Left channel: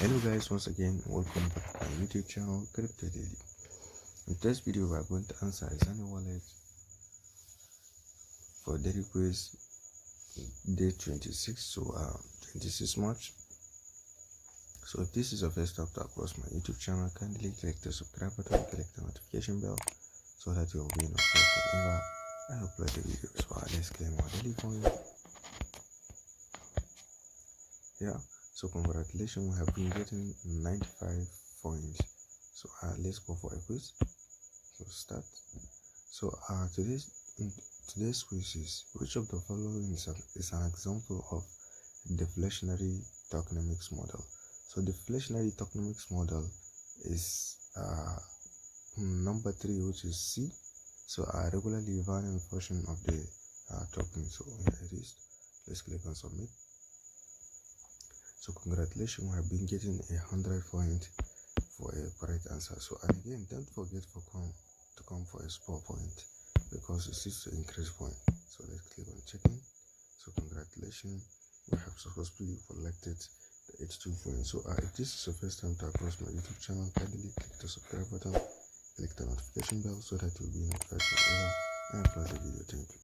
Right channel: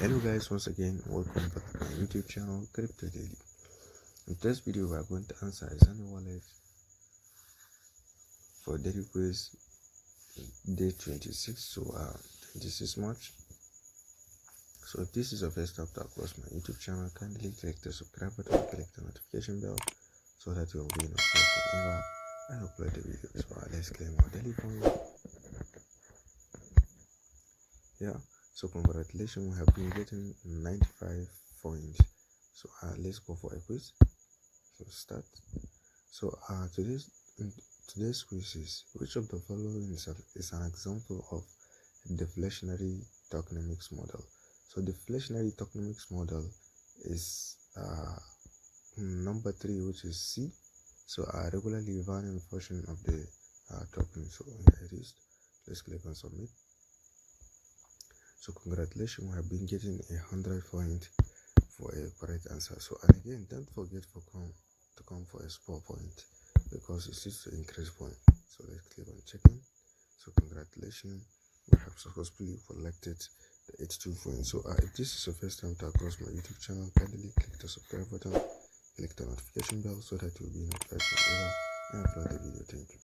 Hello guys, once again welcome back to my YouTube channel Crypto Daily. In this video we are going to answer XENEA Wallet for daily quiz day 26, so 26 March. So if this is your first time to across my YouTube channel, kindly click the subscribe button, click the notification bell so that you will be notified whenever I upload the video. So let's claim our daily point. So congratulations, we have been getting 95 points. So let's go for a quiz. So start. So today's quiz is, which of the following is an example of deflationary tokenomics model? So deflationary tokenomics model is number 3, which is C. So regularly varying portion of the token. So here it is. Let's click on submit. So congratulations, we have been getting 100 points for a correct answer. So again, don't forget to come for a sport point, because it is to increase point. So let's click on checking. So congratulations, we have successfully collected the 82 points. So if this is your first time to across my YouTube channel, kindly click the subscribe button, click the notification bell so that you'll be notified whenever I upload a video. Thank you.